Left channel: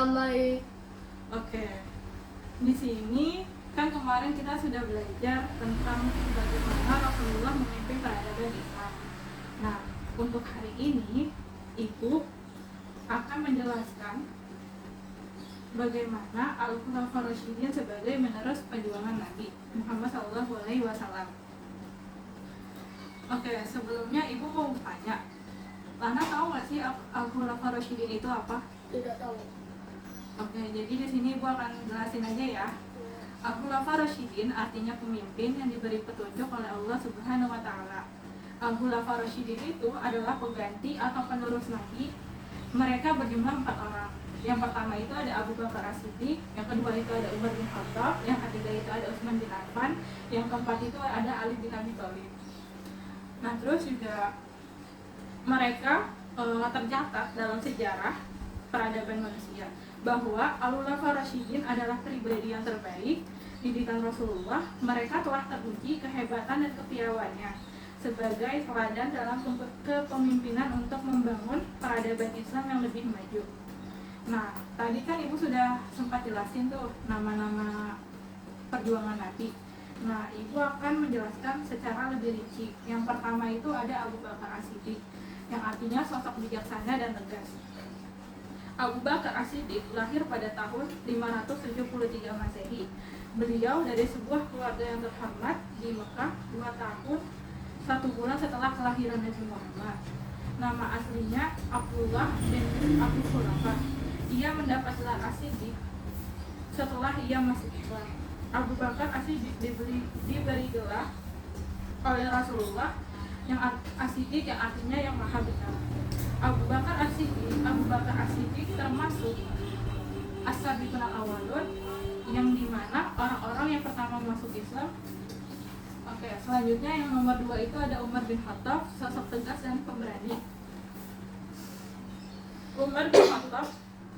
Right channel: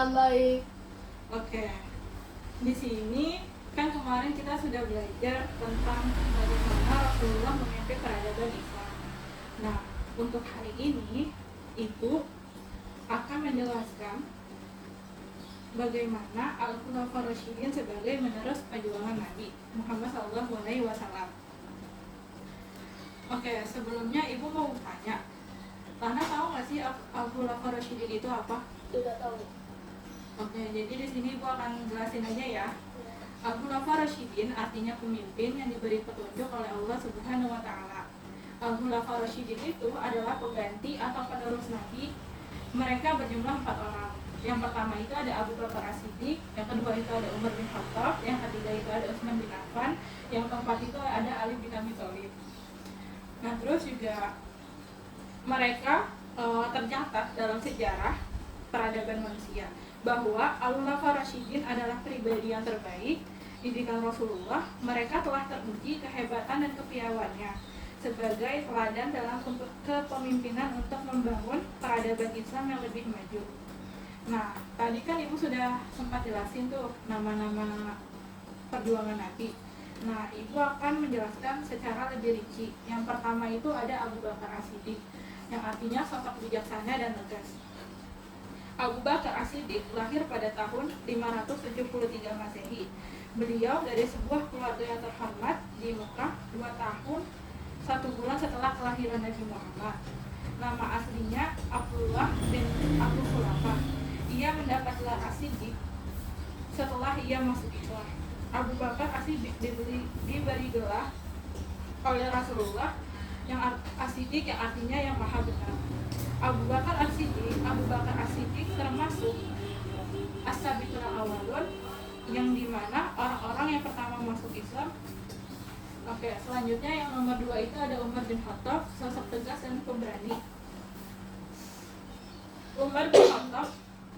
Baik. Oke. Di sini kan kemarin kita sudah belajar tentang bagaimana Rasulullah memimpin peradaban Islam. Nah, untuk hari ini Ibu akan menjelaskan bagaimana Al-Khulafaur Rasyidin sebagai menerus perjuangan Nabi Muhammad SAW. Oke, sebelumnya Ibu mau tanya, Lana tahu nggak sih Al-Khulafaur Rasyidin itu apa? Tidak tahu. Oke, jadi di sini Ibu akan jelasin aja ya. Al-Khulafaur Rasyidin artinya pemimpin yang diberi petunjuk oleh Allah Subhanahu wa taala. Al-Khulafaur Rasyidin itu adalah pengganti atau penerus Nabi. Mereka berjumlah 4 orang. Yang pertama itu ada Abu Bakar As-Siddiq, yang kedua itu ada Umar bin Khattab, yang ketiga itu ada Utsman bin Affan, yang keempat itu ada Ali bin Abi Thalib. Nah, terus juga mereka tercatat dalam sejarah peradaban manusia bahwa Al-Khulafaur Rasyidin adalah pribadi yang terbaik didikan Rasulullah. Mereka telah teruji kehebatan dan kepiawannya sebagai teladan dalam kepemimpinan untuk membangun peradaban Islam yang lebih maju. Nah, tadi kan Ibu sudah sempat jelasin tuh nama-nama perjuangan Nabi. Nah, Ibu akan menjelaskan secara lebih rinci. Yang pertama itu ada Abu Bakar As-Siddiq, yang artinya sosok bijaksana dan tegas. Abu Bakar As-Siddiq lahir pada tahun 573 Masehi. Beliau dari sebuah keluarga yang terhormat di Mekah 2 tahun 1 bulan setelah kelahiran Nabi Muhammad. Nama aslinya Abdullah bin Abu Khulafa. Ia mendapat gelar As-Siddiq setelah ia masuk Islam. Abu Bakar As-Siddiq diberi gelar oleh Rasulullah yang As-Siddiq yang artinya yang maha benar. Abu Bakar As-Siddiq termasuk As-Sabiqun al-Awwalun, yang dimana orang-orang yang pertama masuk Islam. Oke, selanjutnya yang nomor 2 itu ada Umar bin Khattab, sosok tegas dan pemberani. Umar bin Khattab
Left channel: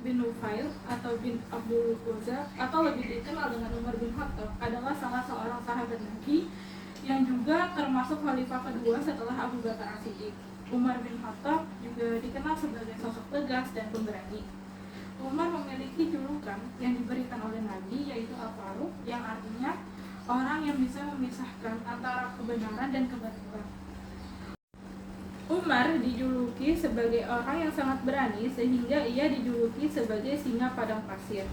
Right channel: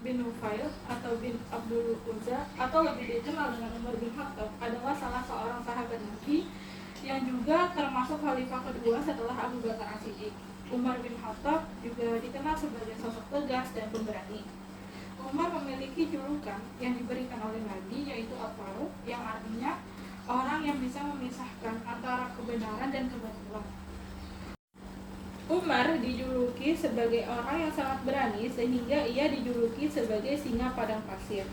bin Nufail atau bin Abdul Uzza atau lebih dikenal dengan Umar bin Khattab adalah salah seorang sahabat Nabi yang juga termasuk khalifah kedua setelah Abu Bakar As-Siddiq. Umar bin Khattab juga dikenal sebagai sosok tegas dan pemberani. Umar memiliki julukan yang diberikan oleh Nabi, yaitu Al-Faruq, yang artinya orang yang bisa memisahkan antara kebenaran dan kebatilan. Umar dijuluki sebagai orang yang sangat berani sehingga ia dijuluki sebagai singa padang pasir.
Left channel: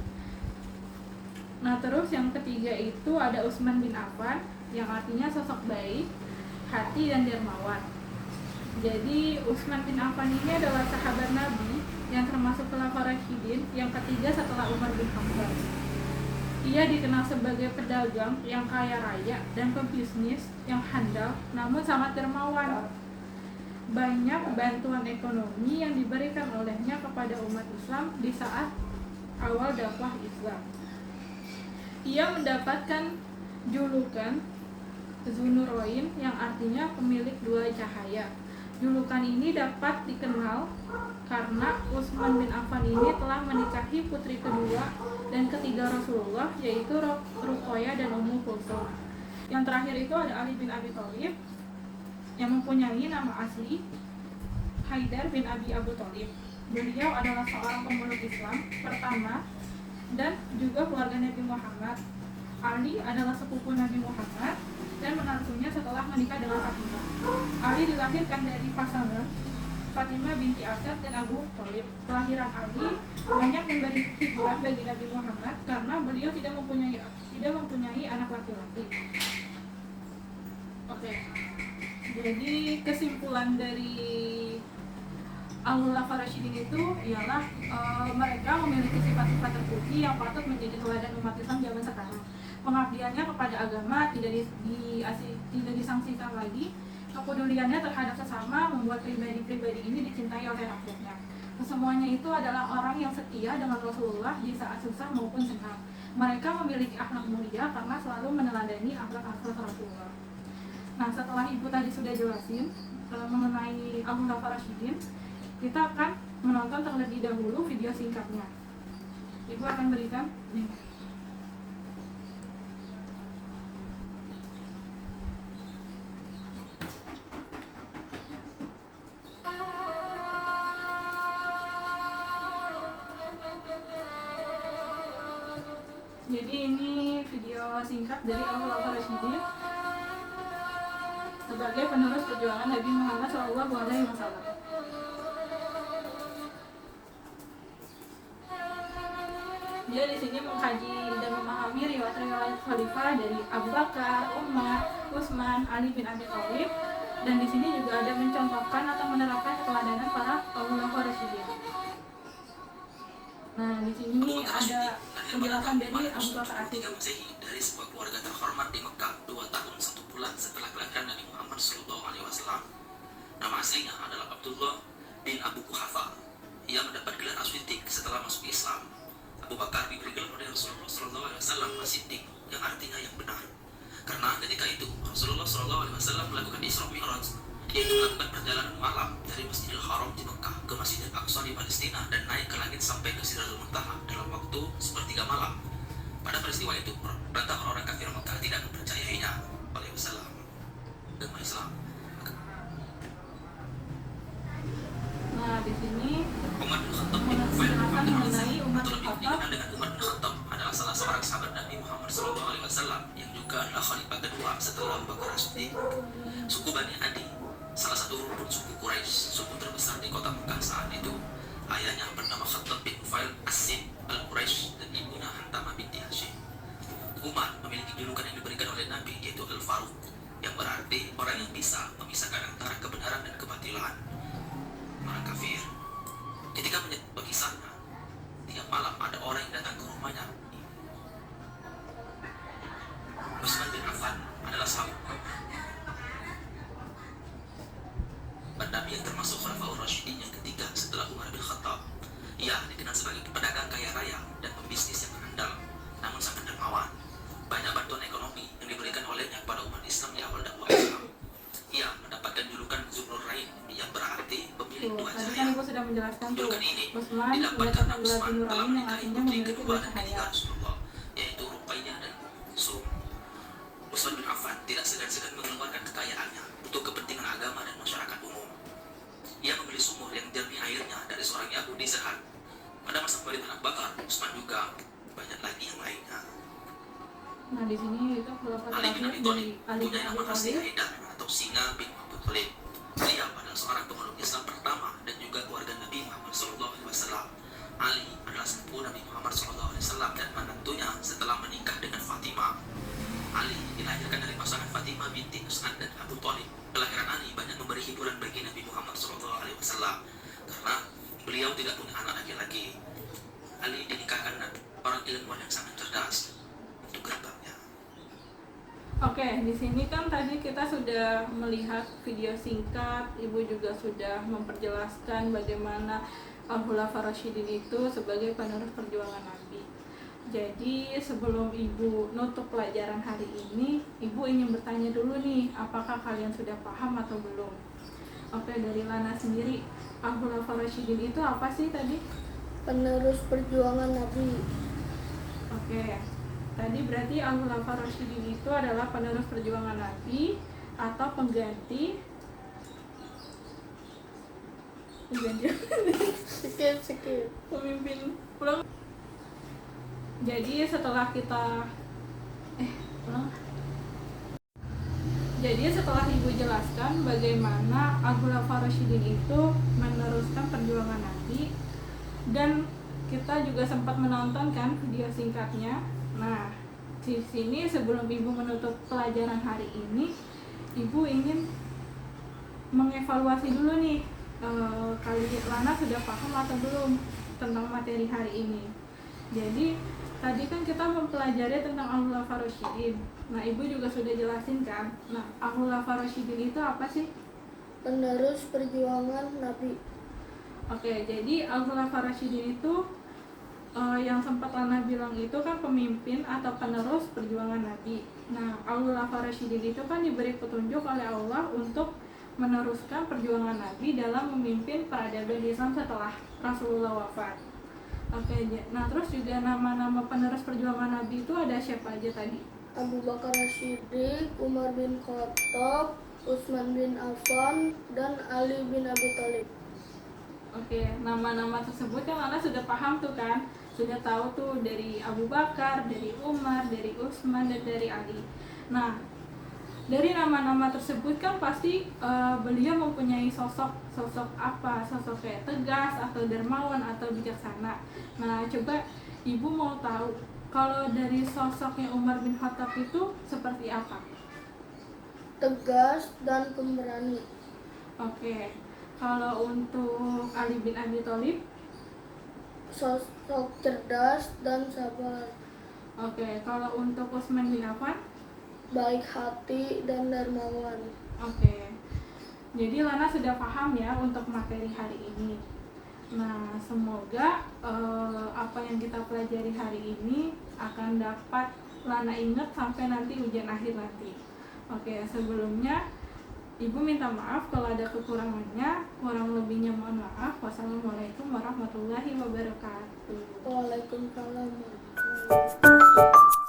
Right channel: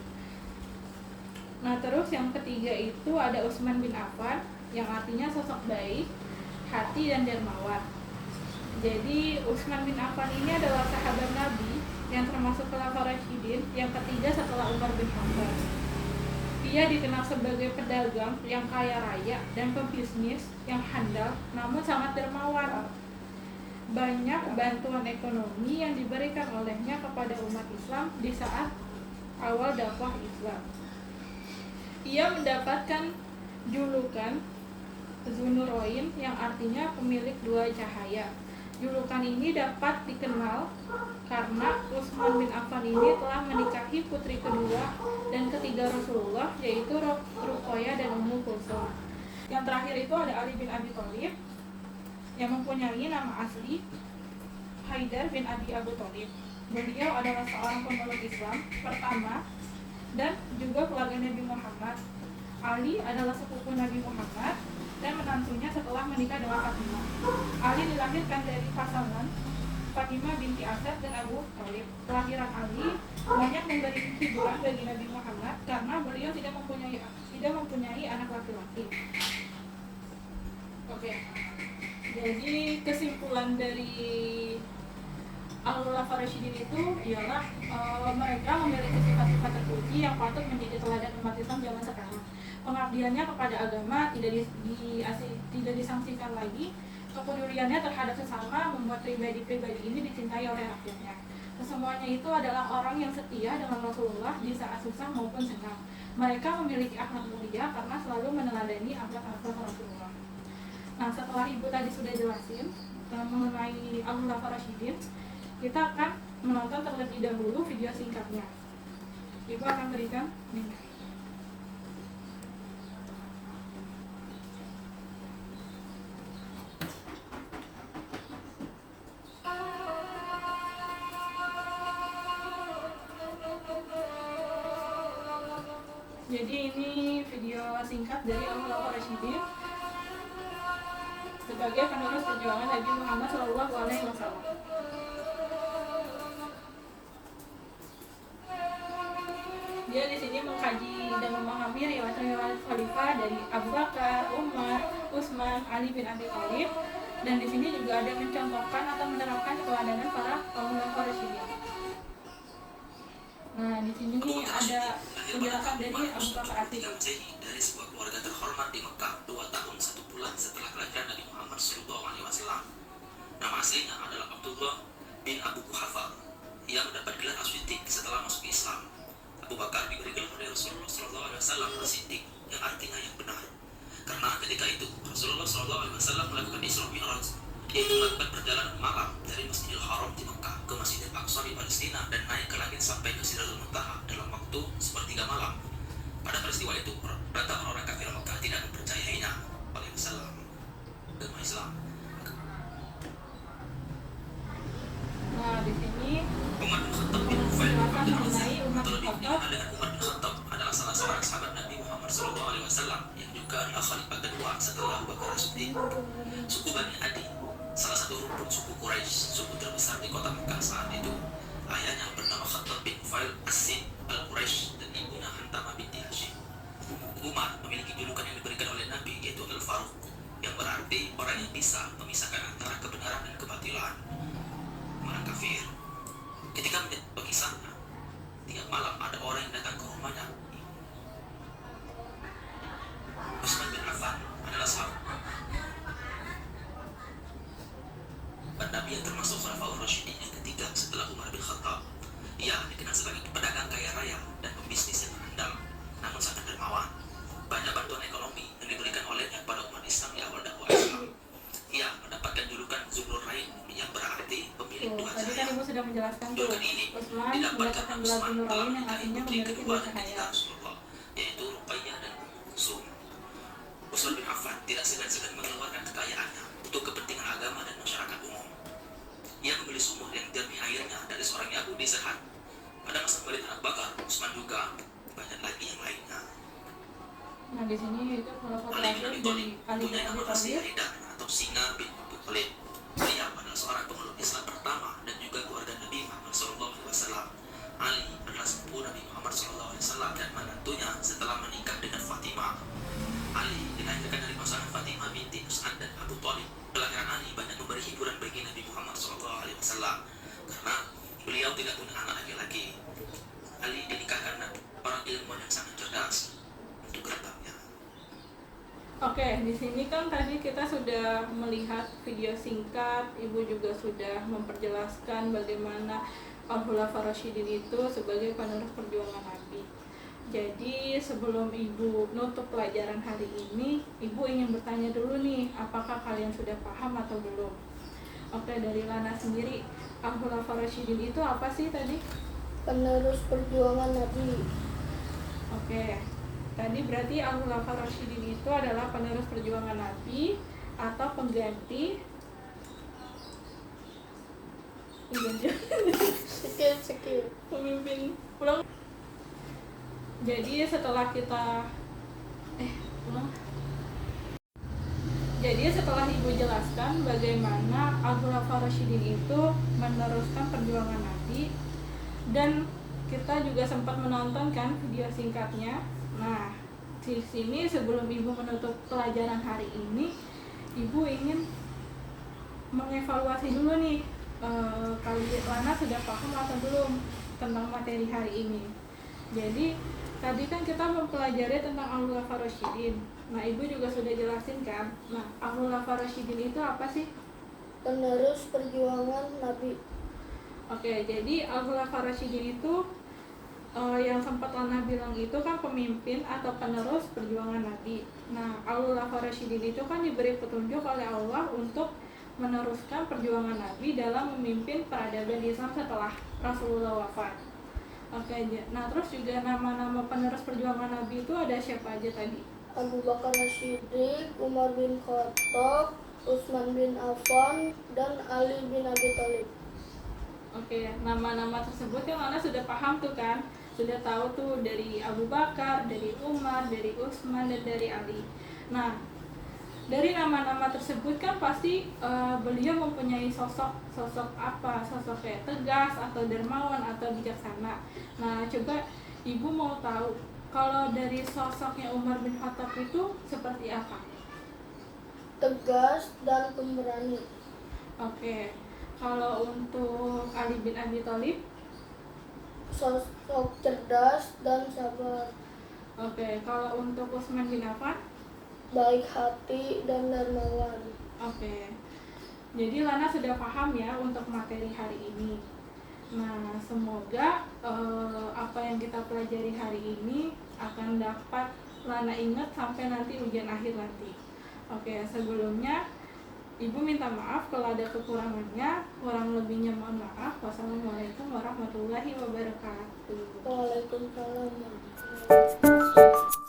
Nah, terus yang ketiga itu ada Utsman bin Affan, yang artinya sosok baik, hati dan dermawan. Jadi Utsman bin Affan ini adalah sahabat Nabi yang termasuk Khulafaur Rasyidin yang ketiga setelah Umar bin Khattab. Ia dikenal sebagai pedagang yang kaya raya dan pebisnis yang handal namun sangat dermawan. Banyak bantuan ekonomi yang diberikan olehnya kepada umat Islam di saat awal dakwah Islam. Ia mendapatkan julukan Dzunurain, yang artinya pemilik 2 cahaya. Julukan ini dapat dikenal karena Utsman bin Affan ini telah menikahi putri kedua dan ketiga Rasulullah, yaitu Ruqayyah dan Ummu Kulsum. Yang terakhir itu ada Ali bin Abi Thalib, yang mempunyai nama asli Haidar bin Abi Abu Thalib. Beliau adalah seorang pemeluk Islam pertama dan juga keluarga Nabi Muhammad. Ali adalah sepupu Nabi Muhammad dan menantunya setelah menikah dengan Fatimah. Ali dilahirkan dari pasangan Fatimah binti Asad dan Abu Thalib. Kelahiran Ali banyak memberi hiburan bagi Nabi Muhammad karena beliau tidak mempunyai anak laki-laki. Oke. Jadi kesimpulan dari Al-Khulafaur Rasyidin itu ialah mereka memiliki sifat-sifat terpuji yang patut menjadi teladan umat Islam zaman sekarang. Pengabdiannya kepada agama tidak disangsikan lagi. Kepeduliannya terhadap sesama membuat pribadi-pribadi ini dicintai oleh rakyatnya. Kesemuanya itu adalah orang yang setia dengan Rasulullah di saat susah maupun senang. Mereka memiliki akhlak mulia karena selalu meneladani akhlak Rasulullah. Nah, setelah Ibu tadi sudah jelasin mengenai Al-Khulafaur Rasyidin, kita akan menonton terlebih dahulu video singkatnya. Ibu akan berikan Jadi ini video singkat dari Al-Khulafaur Rasyidin sebagai penerus perjuangan Nabi Muhammad SAW. Dia di sini mengkaji dan memahami riwayat-riwayat khalifah dari Abu Bakar, Umar, Utsman, Ali bin Abi Thalib, dan di sini juga ada mencontohkan atau menerapkan keteladanan para Khulafaur Rasyidin. Nah, di sini ada penjelasan dari Abu Bakar As-Siddiq. Dari sebuah keluarga terhormat di Mekah 2 tahun 1 bulan setelah kelahiran Nabi Muhammad SAW. Nama aslinya adalah Abdullah bin Abu Quhafa. Ia mendapat gelar As-Siddiq setelah masuk Islam. Abu Bakar diberi gelar oleh Rasulullah SAW As-Siddiq, yang artinya yang benar. Karena ketika itu Rasulullah SAW melakukan Isra Mi'raj, yaitu melakukan perjalanan malam dari Masjidil Haram di Mekah ke Masjidil Aqsa di Palestina dan naik ke langit sampai ke Sidratul Muntaha dalam waktu sepertiga malam. Pada peristiwa itu, rata orang kafir Mekah tidak mempercayainya oleh Islam, agama Islam. Nah, di sini Umar bin Khattab bin Nufail atau lebih dikenal dengan Umar bin Khattab adalah salah seorang sahabat Nabi Muhammad SAW yang juga adalah khalifah kedua setelah Abu Bakar As-Siddiq. Suku Bani Adi, salah satu rumpun suku Quraisy, suku terbesar di kota Mekah saat itu. Ayahnya bernama Khattab bin Nufail As-Sid al-Quraisy dan ibunya Hantamah binti Hashim. Umar memiliki julukan yang diberikan oleh Nabi, yaitu Al-Faruq, yang berarti orang yang bisa memisahkan antara kebenaran dan kebatilan. Orang kafir ketika menyebut kisahnya, tiap malam ada orang yang datang ke rumahnya. Utsman bin Affan adalah sahabat Nabi yang termasuk Khulafaur Rasyidin yang ketiga setelah Umar bin Khattab. Ia dikenal sebagai pedagang kaya raya dan pembisnis yang andal, namun sangat dermawan. Banyak bantuan ekonomi yang diberikan olehnya pada umat Islam di awal dakwah Islam. Ia mendapatkan julukan Zulnurain, yang berarti pemilik dua tadi kan cahaya. Ibu sudah menjelaskan tuh, Julukan ini Utsman didapatkan mendapatkan gelar Utsman Zulnurain dalam yang menikahi artinya putri memiliki kedua dua dan cahaya. ketiga Rasulullah, yaitu Ruqayyah dan Kulsum. Utsman bin Affan tidak segan-segan mengeluarkan kekayaannya untuk kepentingan agama dan masyarakat umum. Ia memilih sumur yang jernih airnya dari seorang Yahudi sehat. Pada masa pemerintahan Abu Bakar, Utsman juga banyak lagi yang lainnya. Nah, di sini itu Khulafaur Ali bin Abi Rasyidin Thalib dari Ali bin punya Abi nama asli Thalib. Haidar atau Singa bin Abu Thalib. Dia adalah seorang pemeluk Islam pertama dan juga keluarga Nabi Muhammad SAW. Ali adalah sepupu Nabi Muhammad SAW dan menantunya setelah menikah dengan Fatimah. Ali dilahirkan dari pasangan Fatimah binti Usman dan Abu Thalib. Kelahiran Ali banyak memberi hiburan bagi Nabi Muhammad SAW karena beliau tidak punya anak laki-laki. Ali dinikahkan dengan orang ilmuwan yang sangat cerdas untuk gerbangnya. Oke, di sini kan tadi kita sudah melihat video singkat, Ibu juga sudah memperjelaskan bagaimana Al-Khulafaur Rasyidin itu sebagai penerus perjuangan Nabi. Jadi sebelum Ibu nutup pelajaran hari ini, Ibu ingin bertanya dulu nih, apakah kalian sudah paham atau belum? Oke, dari Lana sendiri, Al-Khulafaur Rasyidin itu apa sih tadi? Penerus perjuangan Nabi. Oke, tadi berarti Al-Khulafaur Rasyidin itu adalah penerus perjuangan Nabi atau pengganti Skip. pemimpin pulang. Jadi setelah kita Jadi setelah Ibu jelaskan bagaimana Al-Khulafaur Rasyidin itu meneruskan perjuangan Nabi, dan kita juga sempat menonton kan video singkatnya. Nah, di sini sebelum Ibu menutup pelajaran hari ini, Ibu ingin mengevaluasi dulu nih, kalian Lana sudah paham atau belum tentang materi hari ini. Jadi tadi kan kita mempelajari tentang Al-Khulafaur Rasyidin. Nah, Ibu juga sudah jelasin kan. Nah, Al-Khulafaur Rasyidin itu apa sih? Penerus perjuangan Nabi. Oke, jadi Al-Khulafaur Rasyidin itu yang sempat Lana bilang itu kan pemimpin atau penerus perjuangan Nabi. Nah, Al-Khulafaur Rasyidin itu kan diberi petunjuk oleh Allah untuk meneruskan perjuangan Nabi dalam memimpin peradaban Islam setelah Rasulullah wafat. Oke, nah terus juga nama-nama penerus perjuangan Nabi itu ada siapa aja tadi? Abu Bakar As-Siddiq, Umar bin Khattab, Utsman bin Affan, dan Ali bin Abi Thalib. Oke, nama-nama tersebut kan Lana sudah paham tuh kan. sudah tahu tuh dari Abu Bakar, dari Umar, dari Utsman, dan dari Ali. Nah, dari nama-nama tersebut kan pasti beliau mempunyai sosok apa? Sosok kayak tegas atau dermawan atau bijaksana. Nah, coba Ibu mau tahu kalau dari sosoknya Umar bin Khattab itu seperti apa? Tegas dan pemberani. Oke. Kalau untuk Ali bin Abi Thalib? Sosok cerdas dan sabar. Oke. Kalau untuk Utsman bin Affan? Baik hati dan dermawan. Oke. Jadi Lana sudah paham ya untuk materi hari ini. Nah, semoga apa yang kita pelajari hari ini akan dapat Lana ingat sampai nanti ujian akhir nanti. Oke, sebelumnya Ibu minta maaf kalau ada kekurangannya. Kurang lebihnya mohon maaf. Wassalamualaikum warahmatullahi wabarakatuh. Waalaikumsalam warahmatullahi wabarakatuh.